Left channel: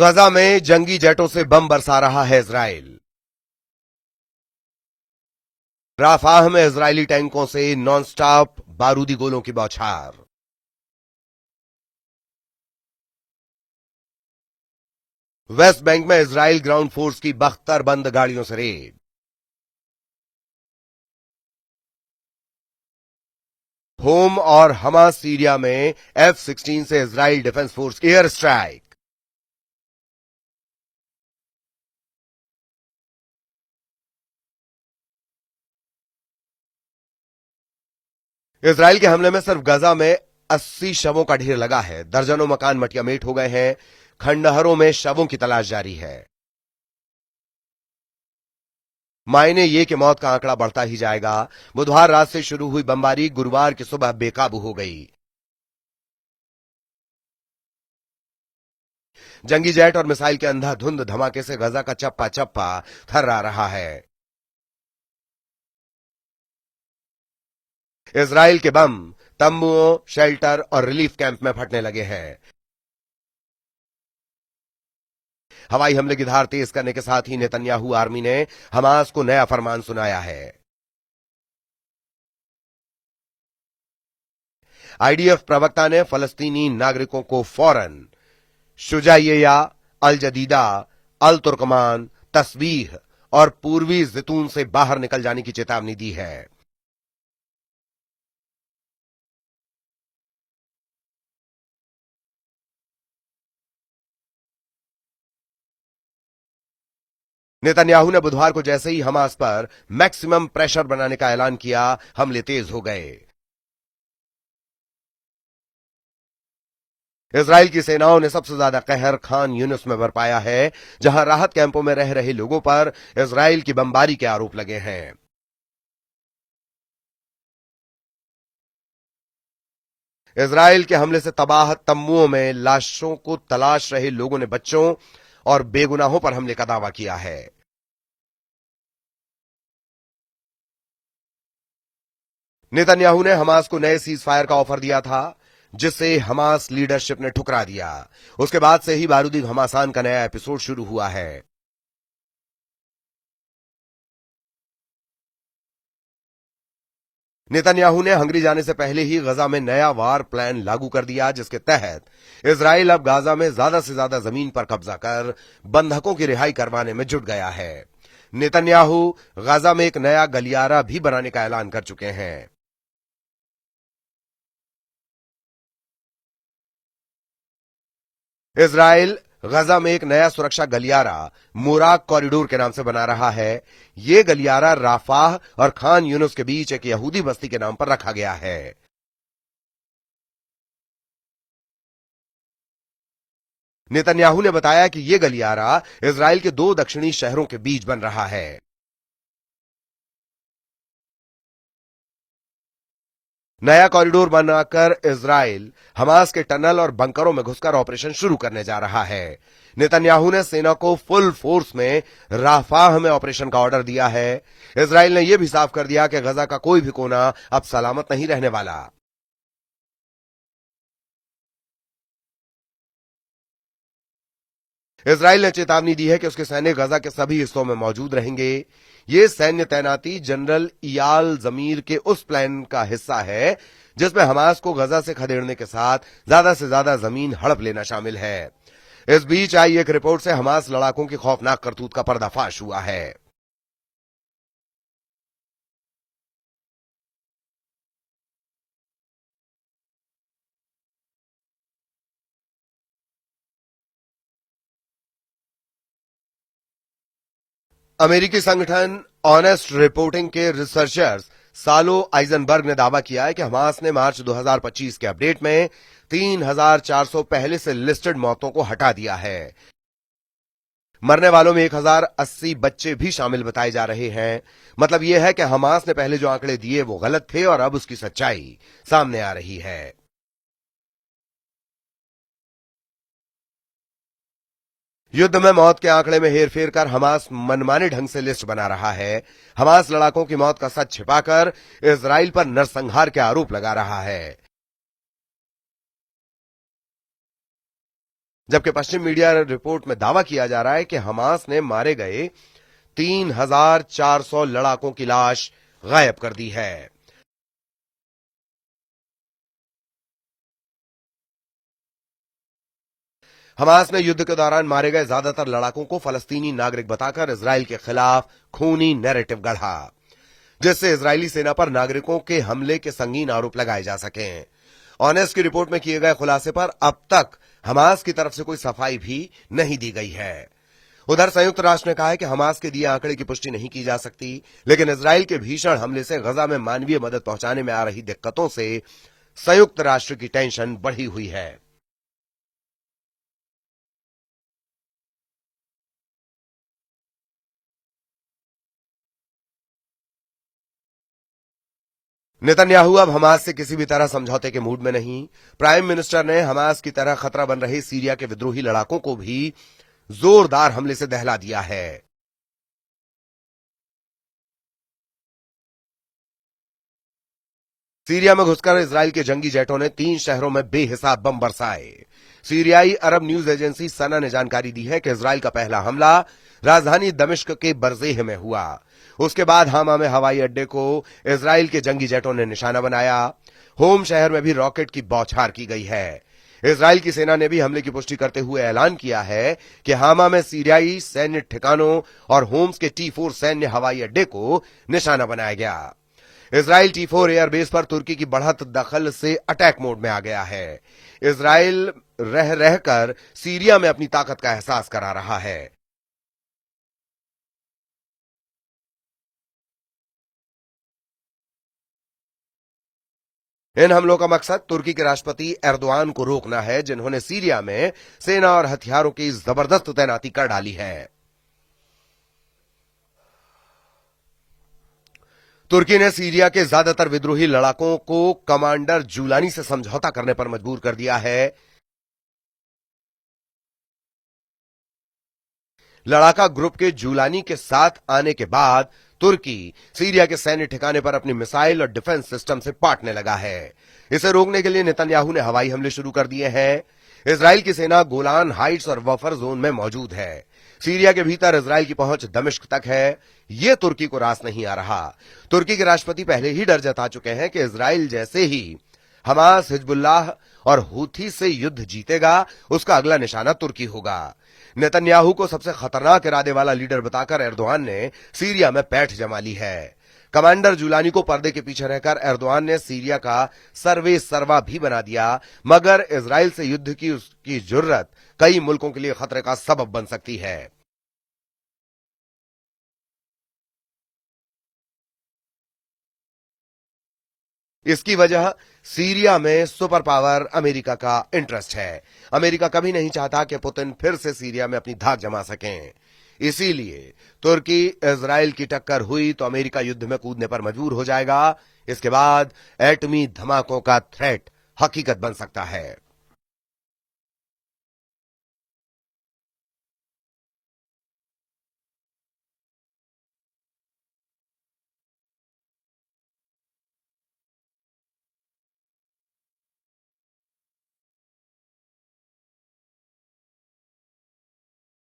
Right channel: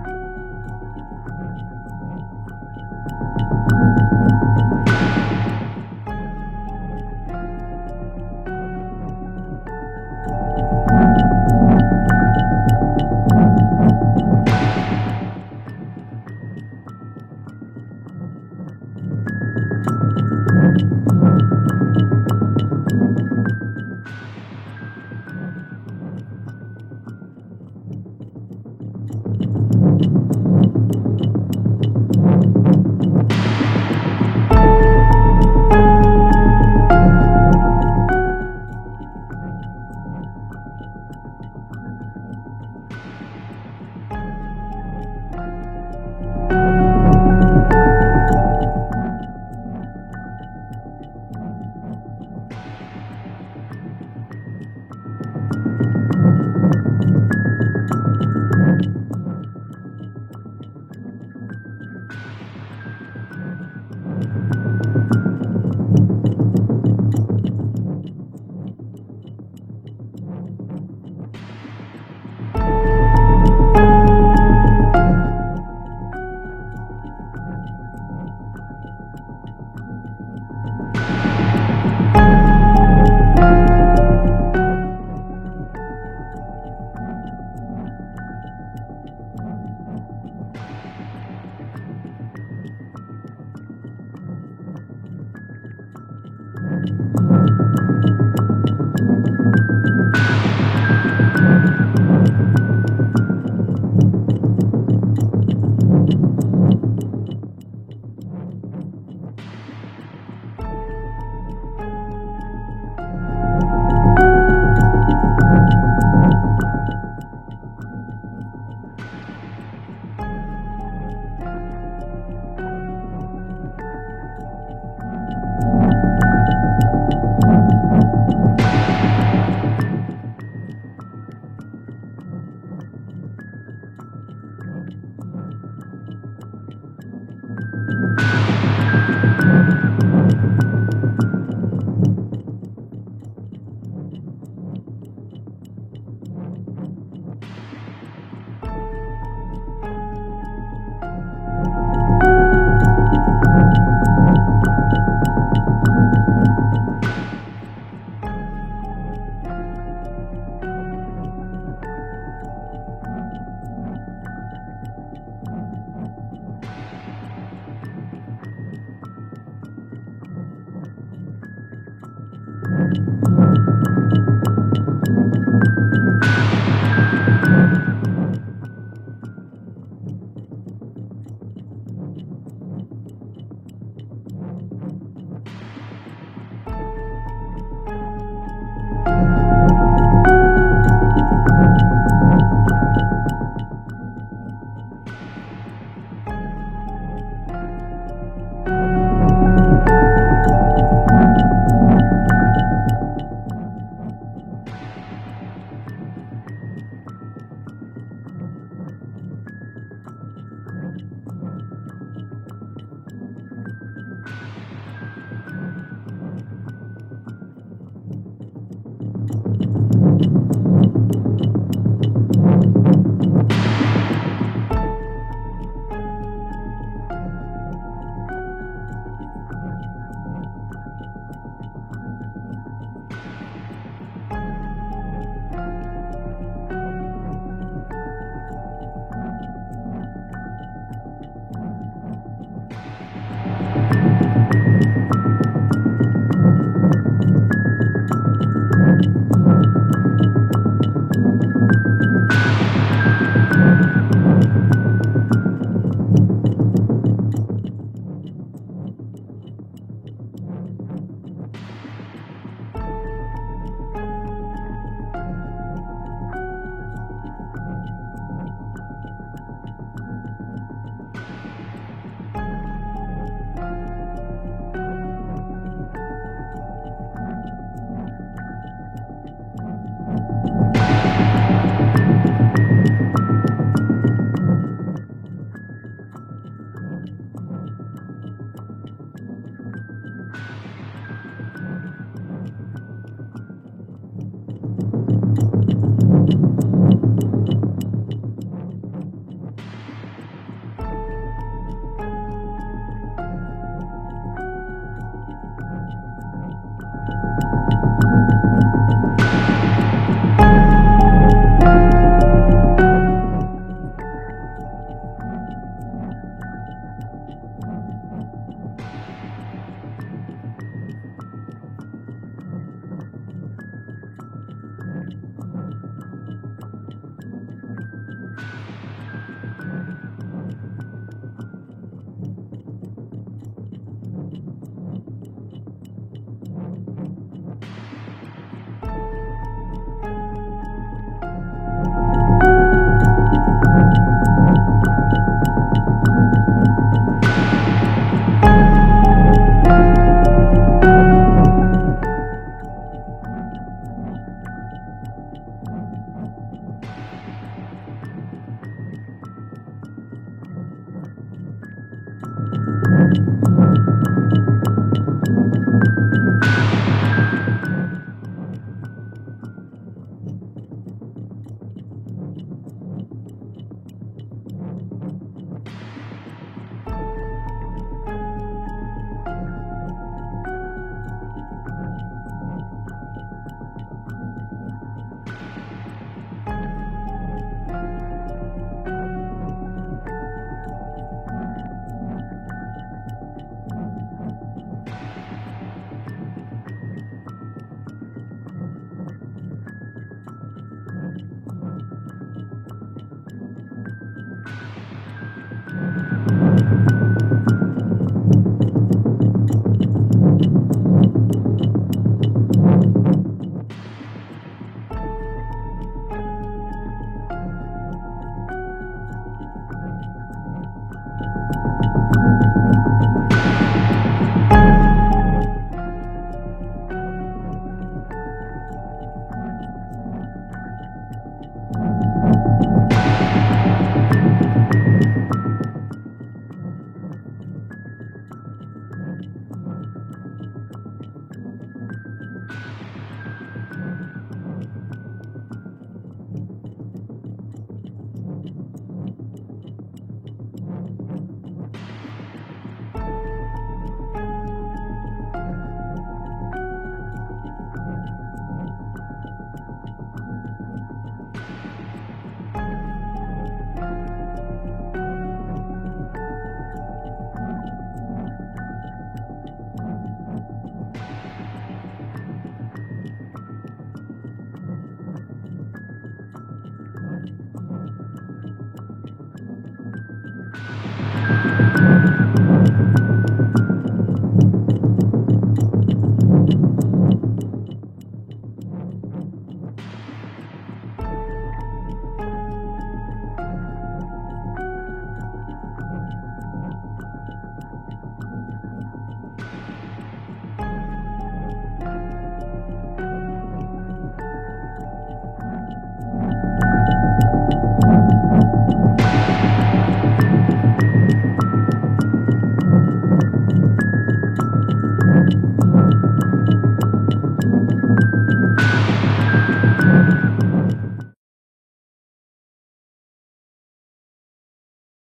गजा में जंगी जेटों से बम बरसा रहा है इजराइल। राफाह में इजरायली टैंकों से नॉनस्टॉप बारूदी गोलों की बौछार। वेस्ट बैंक में इजराइल ग्राउंड फोर्स की बख्तर बंद गाड़ियों से रेड। होम और हमास सीरिया में F-16 से इजराइल डिफेंस फोर्स की एयर स्ट्राइक। इजराइल के हमले में सिर्फ गजा में 80 शवों का ढेर लगा है। दर्जनों मकान मटियामेट हो गए हैं। खंडहरों में शवों की तलाश जारी है। मायने ये कि मौत का आंकड़ा बढ़ता ही जाएगा। बुधवार रात से शुरू हुई बमबारी गुरुवार की सुबह बेकाबू हो गई। जंगी जेट और मिसाइल के अंधाधुंध धमाके से गजा का चप्पा चप्पा थर्रा रहा है। इजराइल के बम तंबुओं, शेल्टर और रिलीफ कैंप में फटने लगे हैं। हवाई हमले की धार तेज करने के साथ ही नेतन्याहू आर्मी ने हमास को नया फरमान सुनाया है। आईडीएफ प्रवक्ता ने फलस्तीनी नागरिकों को फौरन शुजाइया, अल जदीदा, अल तुर्कमान, तस्बीह और पूर्वी ज़ैतून से बाहर निकल जाने की चेतावनी दी है। नेतन्याहू ने बुधवार को जैसे ही हमास पर मैक्सिमम प्रेशर बनाने का ऐलान किया, हमले तेज हो गए। इजराइल की सेनाओं ने सबसे ज्यादा कहर खान यूनिस में बरपाया है, जहां राहत कैंपों में रह रहे लोगों पर इजराइल की बमबारी के आरोप लगे हैं। इजराइल के हमले से तबाह तंबुओं में लाशों को तलाश रहे लोगों ने बच्चों और बेगुनाहों पर हमले का दावा किया है। नेतन्याहू ने हमास को नए सीज फायर का ऑफर दिया था, जिसे हमास लीडरशिप ने ठुकरा दिया। उसके बाद से ही बारूदी घमासान का नया एपिसोड शुरू हुआ है। नेतन्याहू ने हंगरी जाने से पहले ही गजा में नया वार प्लान लागू कर दिया, जिसके तहत इजराइल अब गाजा में ज्यादा से ज्यादा जमीन पर कब्जा कर बंधकों की रिहाई करवाने में जुट गया है। नेतन्याहू गाजा में एक नया गलियारा भी बनाने का ऐलान कर चुके हैं। इजराइल गजा में एक नया सुरक्षा गलियारा मुराक कॉरिडोर के नाम से बना रहा है। ये गलियारा राफाह और खान यूनुस के बीच एक यहूदी बस्ती के नाम पर रखा गया है। नेतन्याहू ने बताया कि ये गलियारा इजराइल के 2 दक्षिणी शहरों के बीच बन रहा है। नया कॉरिडोर बनाकर इजराइल हमास के टनल और बंकरों में घुसकर ऑपरेशन शुरू करने जा रहा है। नेतन्याहू ने सेना को फुल फोर्स में राफाह में ऑपरेशन का ऑर्डर दिया है। इजराइल ने यह भी साफ कर दिया कि गजा का कोई भी कोना अब सलामत नहीं रहने वाला। इजराइल ने चेतावनी दी है कि उसके सैनिक गजा के सभी हिस्सों में मौजूद रहेंगे। ये सैन्य तैनाती जनरल इयाल जमीर के उस प्लान का हिस्सा है जिसमें हमास को गजा से खदेड़ने के साथ ज्यादा से ज्यादा जमीन हड़प लेना शामिल है। इस बीच आई एक रिपोर्ट से हमास लड़ाकों की खौफनाक करतूत का पर्दाफाश हुआ है। अमेरिकी संगठन ऑनेस्ट रिपोर्टिंग के रिसर्चर्स सालो आइजनबर्ग ने दावा किया है कि हमास ने मार्च 2025 के अपडेट में 3,400 पहले से लिस्टेड मौतों को हटा दिया है। मरने वालों में 1,080 बच्चे भी शामिल बताए जा रहे हैं। मतलब ये है कि हमास ने पहले जो आंकड़े दिए वो गलत थे और अब उसकी सच्चाई सामने आ रही है। युद्ध में मौत के आंकड़े में हेरफेर कर हमास मनमाने ढंग से लिस्ट बना रहा है। हमास लड़ाकों की मौत का सच छिपाकर इजराइल पर नरसंहार के आरोप लगा रहा है, जबकि पश्चिम मीडिया रिपोर्ट में दावा किया जा रहा है कि हमास ने मारे गए 3,400 लड़ाकों की लाश गायब कर दी है। हमास ने युद्ध के दौरान मारे गए ज्यादातर लड़ाकों को फलस्तीनी नागरिक बताकर इजराइल के खिलाफ खूनी नैरेटिव गढ़ा, जिससे इजरायली सेना पर नागरिकों के हमले के संगीन आरोप लगाए जा सकें। ऑनेस्ट की रिपोर्ट में किए गए खुलासे पर अब तक हमास की तरफ से कोई सफाई भी नहीं दी गई है। उधर संयुक्त राष्ट्र ने कहा है कि हमास के दिए आंकड़े की पुष्टि नहीं की जा सकती, लेकिन इजराइल के भीषण हमले से गजा में मानवीय मदद पहुंचाने में आ रही दिक्कतों से संयुक्त राष्ट्र की टेंशन बढ़ी हुई है। नेतन्याहू अब हमास से किसी भी तरह समझौते के मूड में नहीं। प्राइम मिनिस्टर ने हमास की तरह खतरा बन रहे सीरिया के विद्रोही लड़ाकों को भी जोरदार हमले से दहला दिया है। सीरिया में घुसकर इजराइल के जंगी जेटों ने 3 शहरों में बेहिसाब बम बरसाए। सीरियाई अरब न्यूज एजेंसी सना ने जानकारी दी है कि इजराइल का पहला हमला राजधानी दमिश्क के बरजेह में हुआ। उसके बाद हामा में हवाई अड्डे को इजराइल के जंगी जेटों ने निशाना बनाया। होम शहर में भी रॉकेट की बौछार की गई है। इजराइल की सेना ने भी हमले की पुष्टि करते हुए ऐलान किया है कि हामा में सीरियाई सैन्य ठिकानों और होम्स के T4 सैन्य हवाई अड्डे को निशाना बनाया गया। इजराइल T4 एयरबेस पर तुर्की की बढ़त दखल से अटैक मोड में आ गया है। इजराइल रह रहकर सीरिया में अपनी ताकत का एहसास करा रहा है। इन हमलों का मकसद तुर्की के राष्ट्रपति एर्दोआन को रोकना है, जिन्होंने सीरिया में सेना और हथियारों की जबरदस्त तैनाती कर डाली है। तुर्की ने सीरिया के ज्यादातर विद्रोही लड़ाकों को कमांडर जूलानी से समझौता करने पर मजबूर कर दिया है। लड़ाका ग्रुप के जूलानी के साथ आने के बाद तुर्की सीरिया के सैन्य ठिकाने पर अपनी मिसाइल और डिफेंस सिस्टम से पाटने लगा है। इसे रोकने के लिए नेतन्याहू ने हवाई हमले शुरू कर दिए हैं। इजराइल की सेना गोलान हाइट्स और बफर जोन में मौजूद है। सीरिया के भीतर इजराइल की पहुंच दमिश्क तक है। ये तुर्की को रास नहीं आ रहा। तुर्की के राष्ट्रपति पहले ही डर जता चुके हैं कि इजराइल जैसे ही हमास, हिजबुल्लाह और हुथी से युद्ध जीतेगा, उसका अगला निशाना तुर्की होगा। नेतन्याहू को सबसे खतरनाक इरादे वाला लीडर बताकर एर्दोआन ने सीरिया में बैठ जमा ली है। कमांडर जूलानी को पर्दे के पीछे रहकर एर्दोआन ने सीरिया का सर्वे सर्वा भी बना दिया, मगर इजराइल से युद्ध की उसकी जुर्रत कई मुल्कों के लिए खतरे का सबब बन सकती है। इसकी वजह सीरिया में सुपर पावर अमेरिका का इंटरेस्ट है। अमेरिका कभी नहीं चाहता कि पुतिन फिर से सीरिया में अपनी धाक जमा सकें। इसीलिए तुर्की इजराइल की टक्कर हुई तो अमेरिका युद्ध में कूदने पर मजबूर हो जाएगा। इसके बाद एटमी धमाकों का थ्रेट हकीकत बन सकता है।